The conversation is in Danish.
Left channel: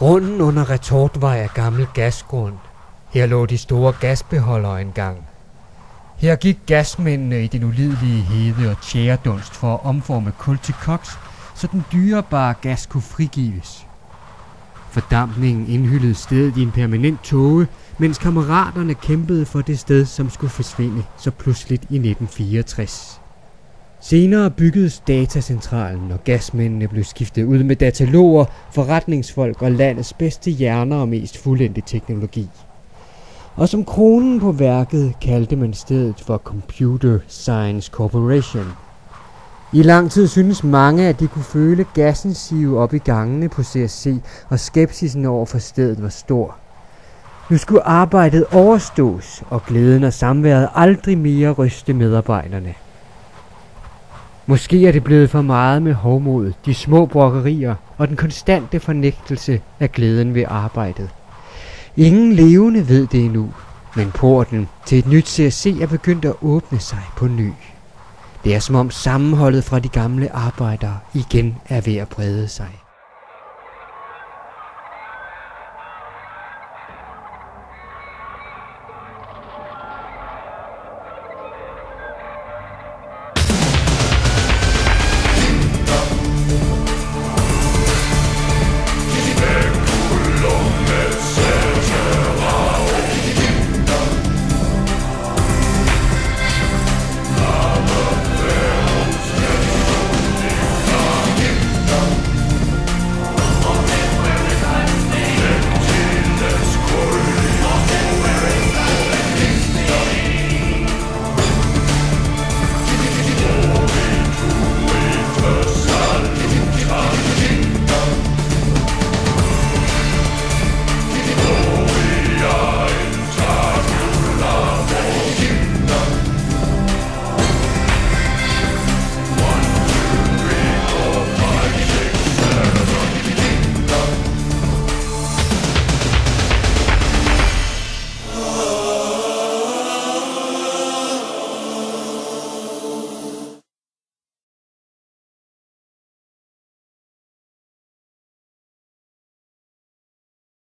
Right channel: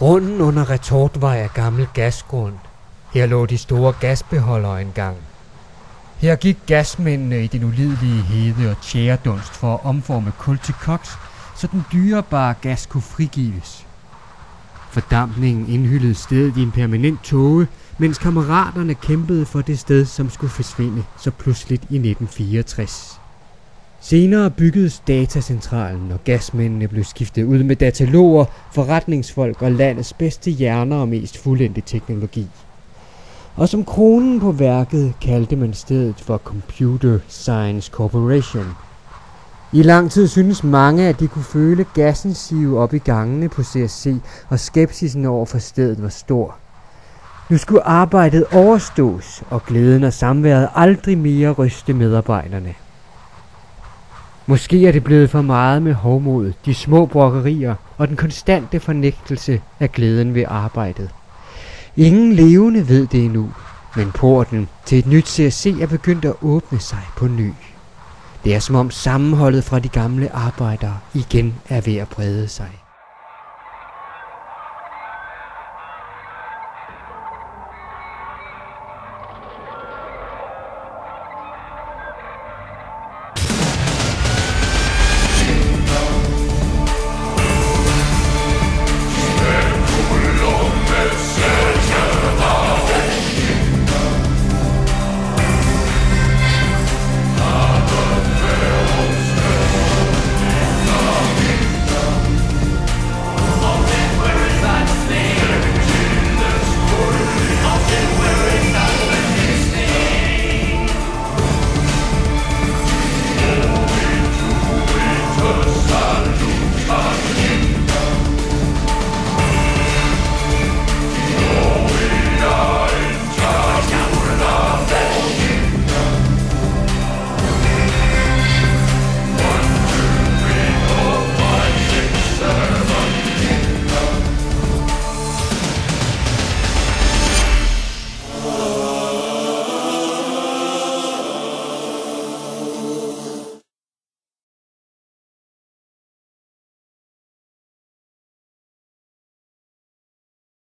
Grunden under Retortvej er gammel gasgrund. Her lå de store gasbeholdere engang. Her gik gasmændene i den ulidelige hede og tjæredunst for at omforme kul til koks, så den dyrebare gas kunne frigives. Fordampningen indhyllede stedet i en permanent tåge, mens kammeraterne kæmpede for det sted, som skulle forsvinde så pludseligt i 1964. Senere byggedes datacentralen, og gasmændene blev skiftet ud med dataloger, forretningsfolk og landets bedste hjerner og mest fuldendte teknologi. Og som kronen på værket kaldte man stedet for Computer Science Corporation. I lang tid synes mange, at de kunne føle gassen sive op i gangene på CSC, og skepsisen over for stedet var stor. Nu skulle arbejdet overstås, og glæden og samværet aldrig mere ryste medarbejderne. Måske er det blevet for meget med hovmod, de små brokkerier og den konstante fornægtelse af glæden ved arbejdet. Ingen levende ved det endnu, men porten til et nyt CSC er begyndt at åbne sig på ny. Det er som om sammenholdet fra de gamle arbejdere igen er ved at brede sig.